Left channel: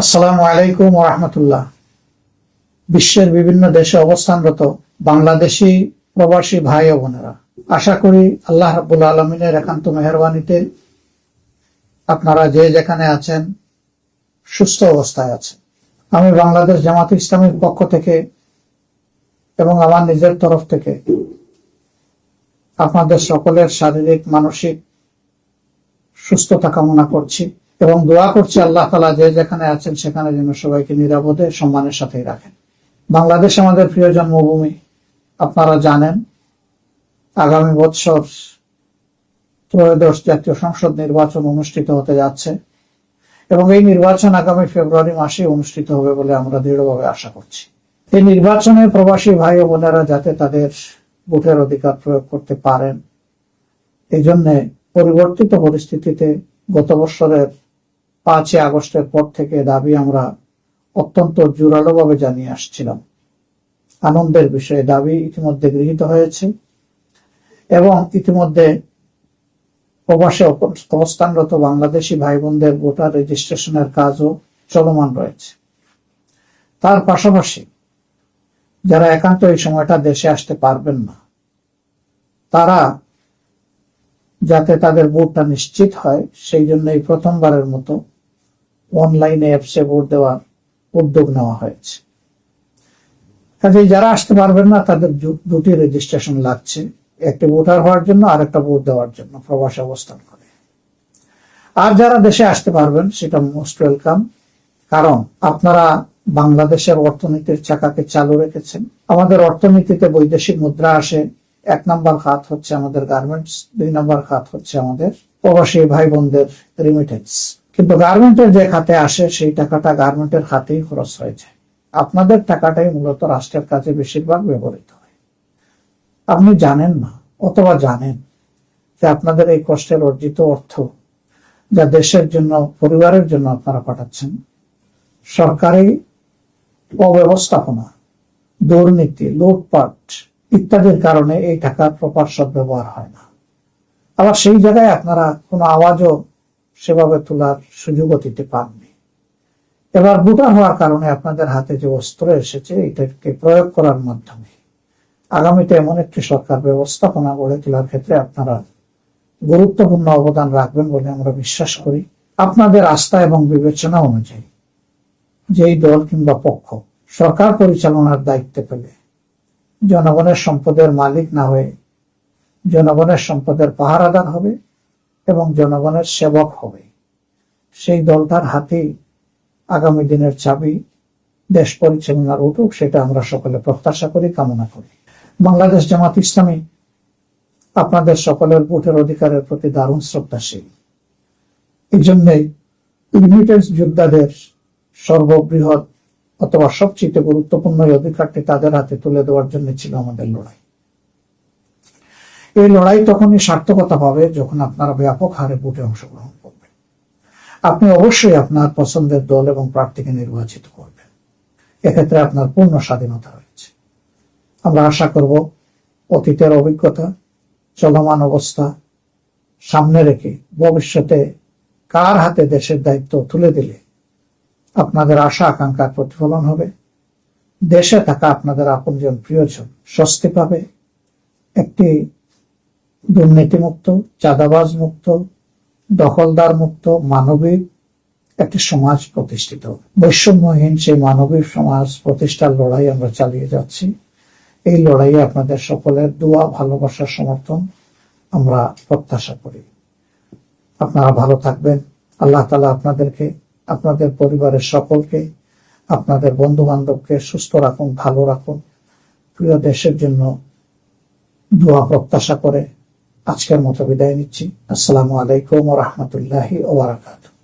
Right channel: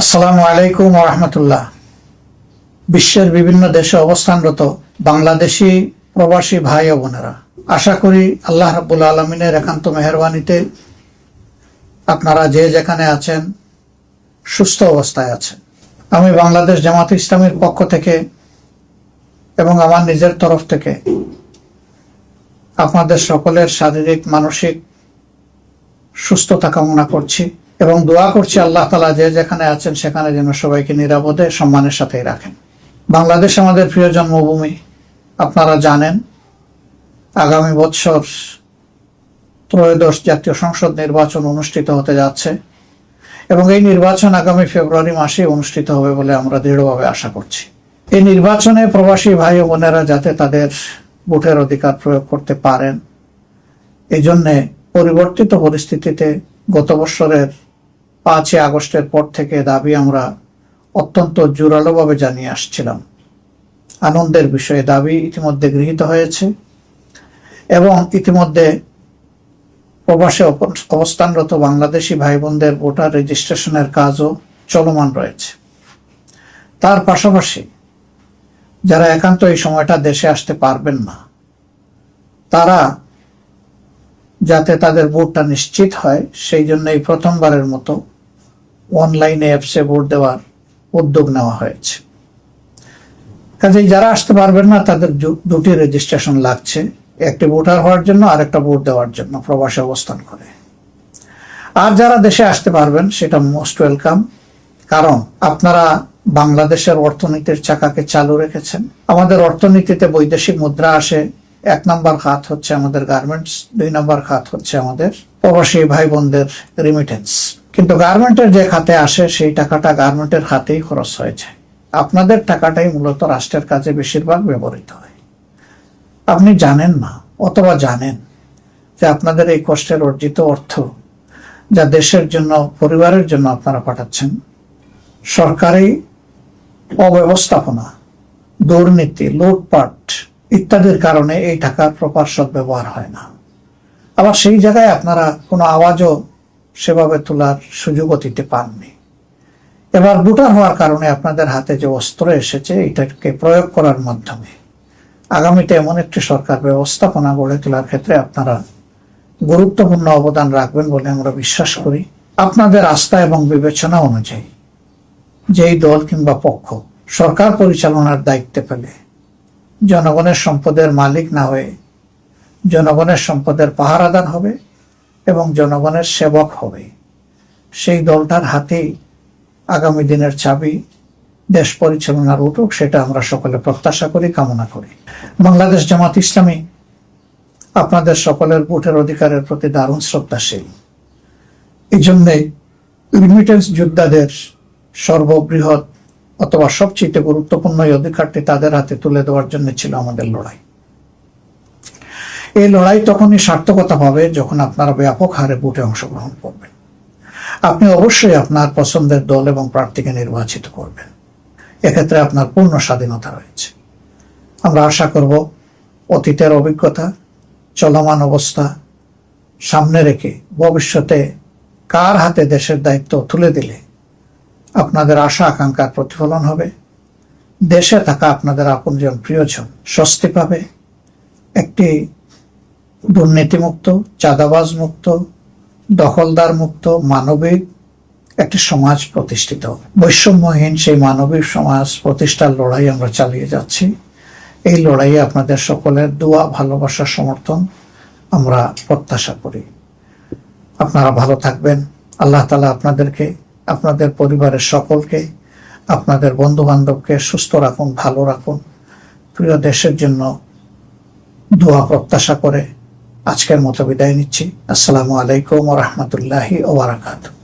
আসসালামু আলাইকুম ওয়া রাহমাতুল্লাহ। বিশ্বের বিভিন্ন দেশে অবস্থানরত বাংলাদেশি প্রবাসী ভাই ও বোনেরা, আশা করি আল্লাহ রাব্বুল আলামিনের একান্ত মেহেরবানিতে আপনারা যে যেখানে আছেন সুস্থ অবস্থায় আছেন। আমি বাংলাদেশ জামাত ইসলামীর পক্ষ থেকে এবং আমার নিজের তরফ থেকে আপনাদের সকলের শারীরিক মানসিক সুস্থতা কামনা করছি এবং দোয়া করছি আল্লাহ তাআলা যে যেখানে আছেন সেখানে যেন সবাইকে নিরাপদে সম্মানের সাথেই রাখেন। বাংলাদেশ আমাদের প্রিয় জন্মভূমি। আপনারা জানেন আগামী বছর ত্রয়োদশ জাতীয় সংসদ নির্বাচন অনুষ্ঠিত হতে যাচ্ছে এবং এই নির্বাচন আগামী ফেব্রুয়ারি মাসে অনুষ্ঠিত হবে বলে আমরা দৃঢ়ভাবে আশা করছি। এই নির্বাচনে প্রবাসী ভাই ও বোনেরা যাতে তাদের ভোটের অধিকার প্রয়োগ করতে পারেন, এই জন্যে পরিবর্তিত পরিস্থিতিতে গত বছরের 5 আগস্টের পর থেকে দাবি আমরা অত্যন্ত জোরালোভাবে জানিয়ে আসছিলাম। আনন্দের বিষয়ে দাবি ইতিমধ্যে গৃহীত হয়েছে এবং ইতিমধ্যে প্রবাসে অবস্থানরত বাংলাদেশি ভাই বোনদের ভোটার রেজিস্ট্রেশনের কাজও চলমান রয়েছে। তার পাশাপাশি যারা একান্ত এই সময়টা দেশে আসতে পারবেন না, তারা যাতে তাদের ভোটটা নিশ্চিত হয় সেই জন্য এই প্রথমবারের মতো অনলাইনে অ্যাপসে ভোট দেওয়ার উদ্যোগ নেওয়া হয়েছে। কাজেই যারা আসতে পারবেন না তাদের দুটি রেজিস্ট্রেশন লাগছে, একটি ভোটার হওয়ার জন্য আর একটা ভোট দেওয়ার জন্য প্রবাসে অবস্থান করে। আর যারা দেশে আসতে পারবেন সেটা মোস্ট ওয়েলকাম, কারণ আপনারা বাংলাদেশের অর্থনীতির চাকাকে চালু রেখেছেন। আমাদের অর্থনীতিতে বৈদেশিক মুদ্রা আসে, 1 নম্বর খাত হচ্ছে আমাদের গার্মেন্টস, 2 নম্বর খাত হচ্ছে আমাদের প্রবাসী ভাই বোনদের রিমিটেন্স। কিন্তু গার্মেন্টের যে খাতে আসে সেই টাকাটা গার্মেন্টের খাতেই খরচ হয়ে যায়। আপনাদের টাকাটাই মূলত রাষ্ট্রের কাজে বেশিরভাগ ব্যবহৃত হয়। আপনি জানেন না অথবা জানেন যে আপনাদের এই কষ্টের অর্জিত অর্থ যা দেশের জন্য, পরিবারের জন্য আপনারা পাঠাচ্ছেন, সরকারি অব্যবস্থাপনা, দুর্নীতি, লুটপাট ইত্যাদির কারণে এই টাকার প্রপার সদ্ব্যবহার হয় না। আবার সেই জায়গায় আপনারা কোনো আওয়াজও সেভাবে তোলার সুযোগও দিতে পাননি। এবার ভোটার হওয়ার কারণে আপনাদের হাতে যে অস্ত্র এসেছে এটাকে প্রয়োগ করার মাধ্যমে আগামীতে এমন একটি সরকার ব্যবস্থাপনা গড়ে তোলার ক্ষেত্রে আপনারা গুরুত্বপূর্ণ অবদান রাখবেন বলে আমরা বিশ্বাস করি। আপনাদের আস্থা এবং বিবেচনা অনুযায়ী যেই দল কিংবা পক্ষ সরকার পরিচালনার দায়িত্বে পেলে জনগণের সম্পদের মালিক না হয়ে জনগণের সম্পদের পাহারাদার হবে এবং জনগণের সেবক হবে, সেই দলটার হাতেই আগামী দিনের চাবি দেশ পরিচালনার উঠুক, সেটা আমরা সকলে প্রত্যাশা করি, কামনা করি। বাংলাদেশ জামাত ইসলামী আপনাদের সকলের ভোটের অধিকারের প্রতি দারুণ শ্রদ্ধাশীল। এই জন্যে রিমিটেন্স যোদ্ধাদের সর্ববৃহৎ অথবা সবচেয়ে গুরুত্বপূর্ণ এই অধিকারটি তাদের হাতে তুলে দেওয়ার জন্য ছিল আমাদের লড়াই। এই লড়াই তখনই সার্থকতা পাবে যখন আপনারা ব্যাপক হারে ভোটে অংশগ্রহণ করবেন। আপনি অবশ্যই আপনার পছন্দের দল এবং প্রার্থীকে নির্বাচিত করবেন, এক্ষেত্রে আপনার পূর্ণ স্বাধীনতা রয়েছে। আমরা আশা করব অতীতের অভিজ্ঞতা, চলমান অবস্থা সামনে রেখে ভবিষ্যতে কার হাতে দেশের দায়িত্ব তুলে দিলে আপনাদের আশা আকাঙ্ক্ষার প্রতিফলন হবে, দেশে থাকা আপনাদের আপনজন প্রিয়জন স্বস্তি পাবে, একটি দুর্নীতিমুক্ত, চাঁদাবাজ মুক্ত, দখলদার মুক্ত, মানবিক একটি সমাজ প্রতিষ্ঠিত হবে। বৈষম্যহীন সেই মানবিক সমাজ প্রতিষ্ঠার লড়াই আমরা চালিয়ে যাচ্ছি। এই লড়াইয়ে আপনাদের সকলের দোয়া, ভালোবাসা, সমর্থন আমরা প্রত্যাশা করি। আপনারা ভালো থাকবেন। আল্লাহ তাআলা আপনাদেরকে, আপনাদের পরিবারের সকলকে, আপনাদের বন্ধু বান্ধবকে সুস্থ রাখুন, ভালো রাখুন। প্রিয় দেশের জন্য দোয়া প্রত্যাশা করে আজকের মতো বিদায় নিচ্ছি। আসসালামু আলাইকুম ওয়া রাহমাতুল্লাহি ওয়া বারাকাতুহু।